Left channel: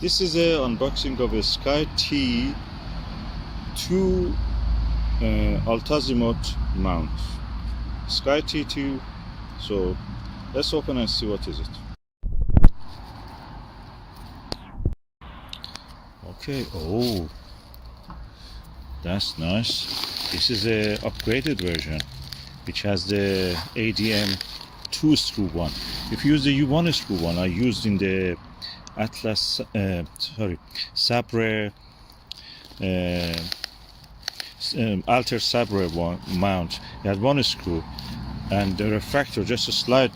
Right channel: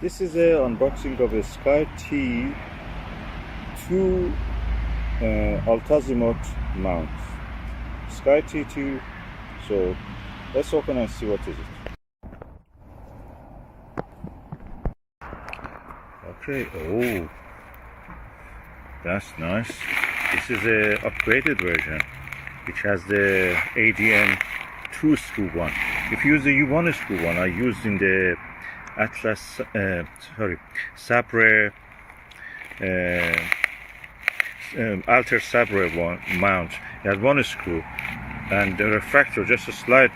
This is a unboxing of a SkyTee 2 Alt-Azimuth mount. SkyTee 2. So let's open and see what is it. Okay, oh, that's nice. This is a upgraded version which has the ADM 2 screw one. If you use the U1 screw one, I used in the Sabre Alter Sabre one mount. It had one screw, and the refractor just a slide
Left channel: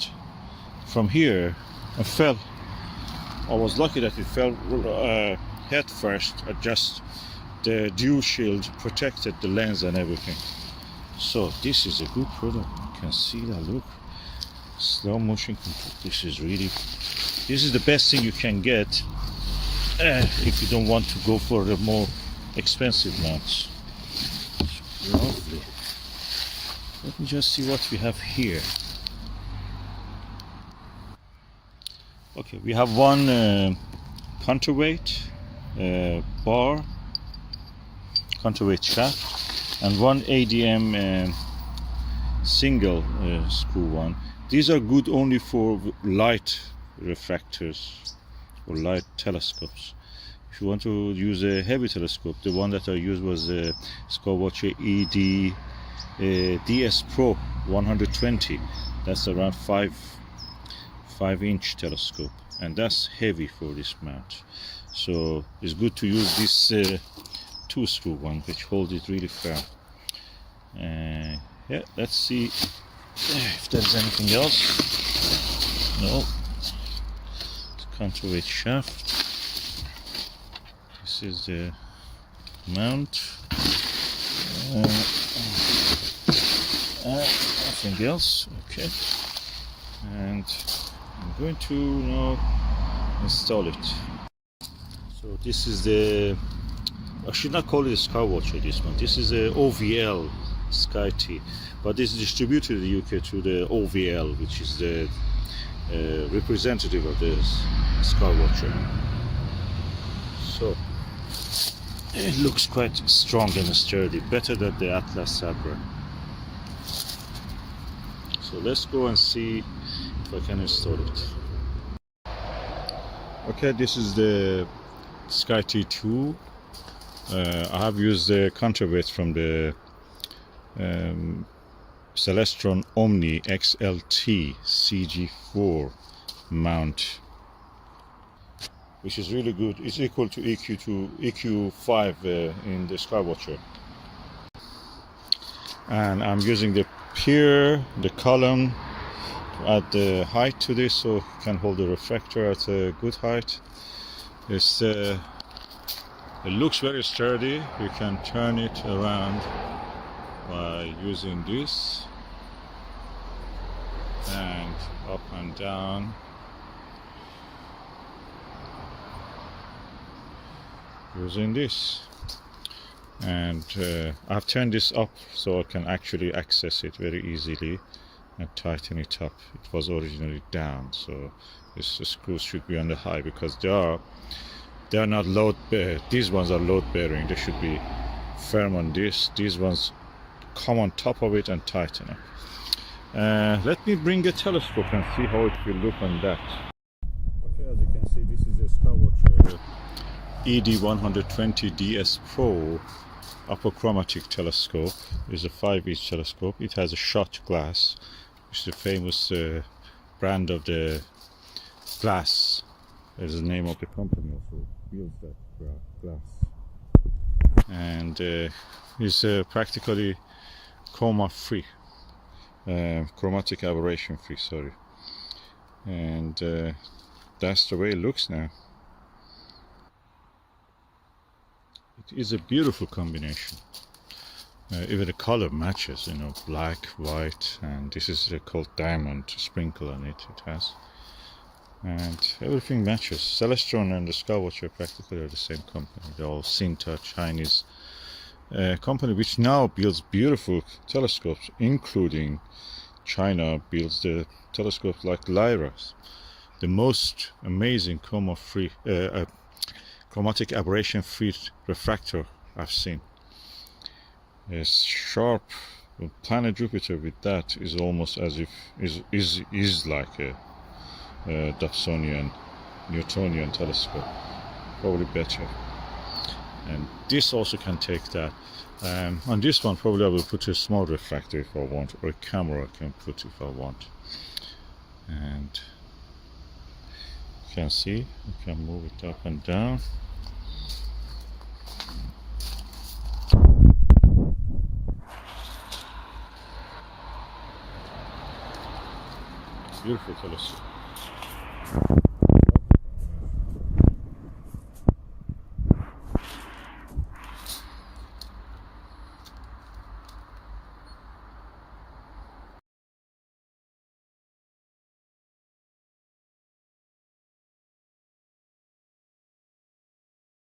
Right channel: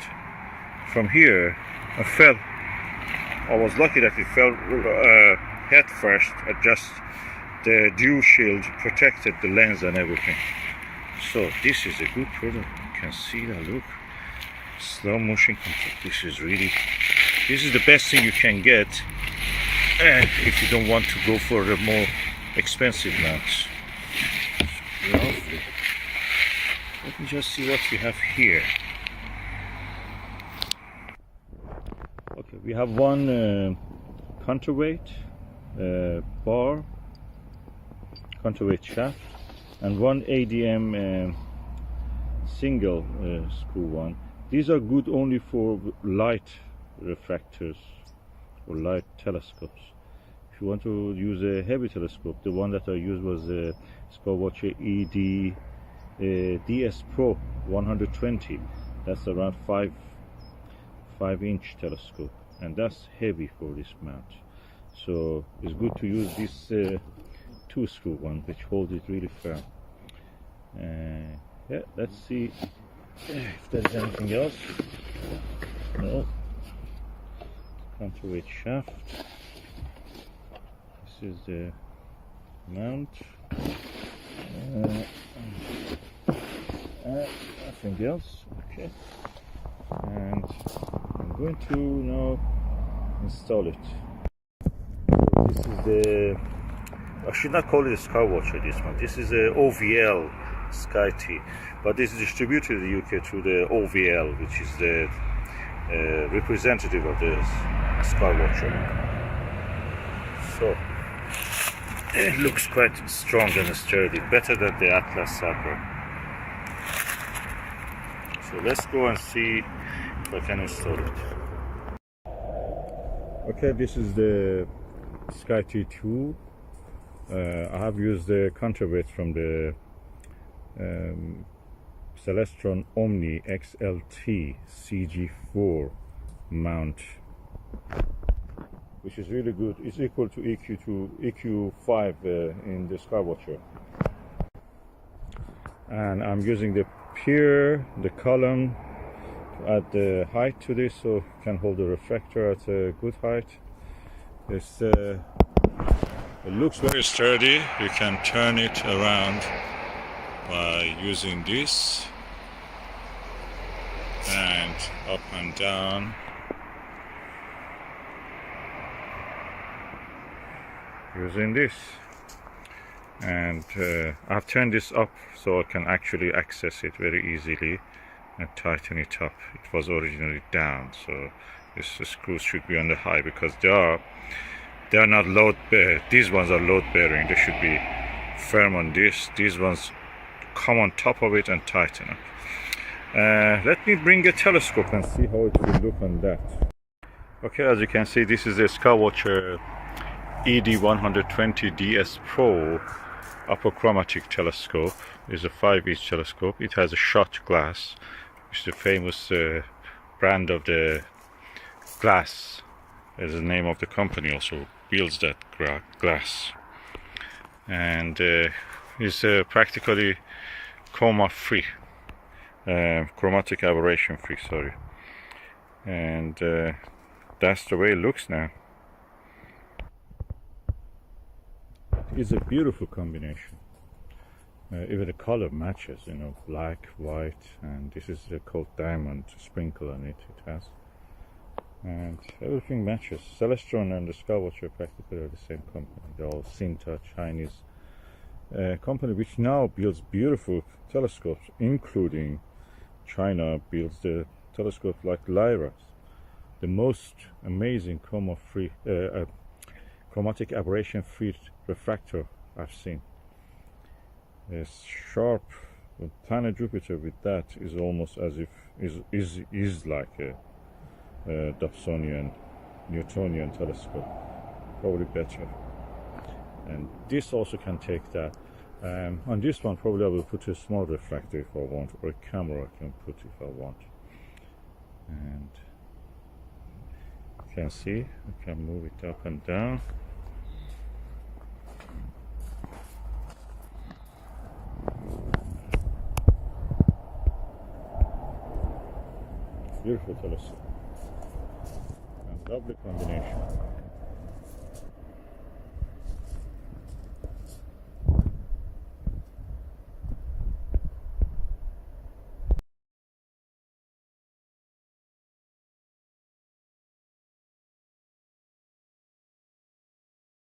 from here and fell. I was lucky that it fell head first. Just the dew shield protected the lens and everything. So this is a good product. You can see that. Look, slow motion control. This is the best thing you can get if you don't want to go for the more expensive mounts. Lovely. Let me just see what we have here. Okay, we have one counterweight bar, counterweight shaft, and one ADM single screw one. These are good only for light refractors or light telescopes. If you want to use a heavy telescope, the one that I used was a Skywatcher DS Pro 120. That's around 5-inch telescope, and that's heavy for this mount. So it's good to use this 2 screw one, which holds it really firm. Yeah, let's see if there's anything else. No. It's counterweight shaft. This is the mount. Nothing else. Okay. And I'm going to now install it. So this is the, I should not call it a Skywatcher, this one. This is a OVL SkyTee, but this is distributed in the UK through the OVL, which is the representative of the Skywatcher. So it looks quite strong and sturdy, better than the Atlas Sabre. So let's go and see if I can install it. Okay, this is the SkyTee 2. I have used the counterweight from the CELESTRON OMNI XLT CG4 mount, which is really good. It's equal to EQ5 in the Skywatcher. And I'm using the pier, the column, to add the height to this, so you can hold the refractor at a good height. It looks very sturdy. You can turn it around by using this, and up and down using this. And I've turned this up so I can actually access it very easily and tighten it up. It was originally down, so this screw should be on the high, because they are not load bearing. These ones are load bearing. They should be firm on this. These ones come on top of it and tighten up. Let me bring a telescope and see how it will look on that. Okay, as you can see, this is a Skywatcher ED120 DS Pro Apochromatic telescope. It's a 5-inch telescope. It has a shot glass, which is the famous brand of the glass. Is the name of the company also builds that glass, and is practically chromatic aberration free. Sorry, and that's the way it looks now. It's a beautiful combination. Even the color matches, you know, black, white, and this is called diamond sprinkle on it. It has, and everything matches. CELESTRON and the Skywatcher practically are the same company. They're all Sinta, Chinese company, which now builds beautiful telescopes, including China builds the telescopes like Lyra's, the most amazing chromatic aberration free refractor I've seen. It's sharp. Planet Jupiter with that is almost as if is like a Dobsonian, Newtonian telescope, probably better. And this also can take that. On this one, probably I will put a small refractor if I want, or a camera I can put if I want. And you can see I can move it up and down. Beautiful telescope.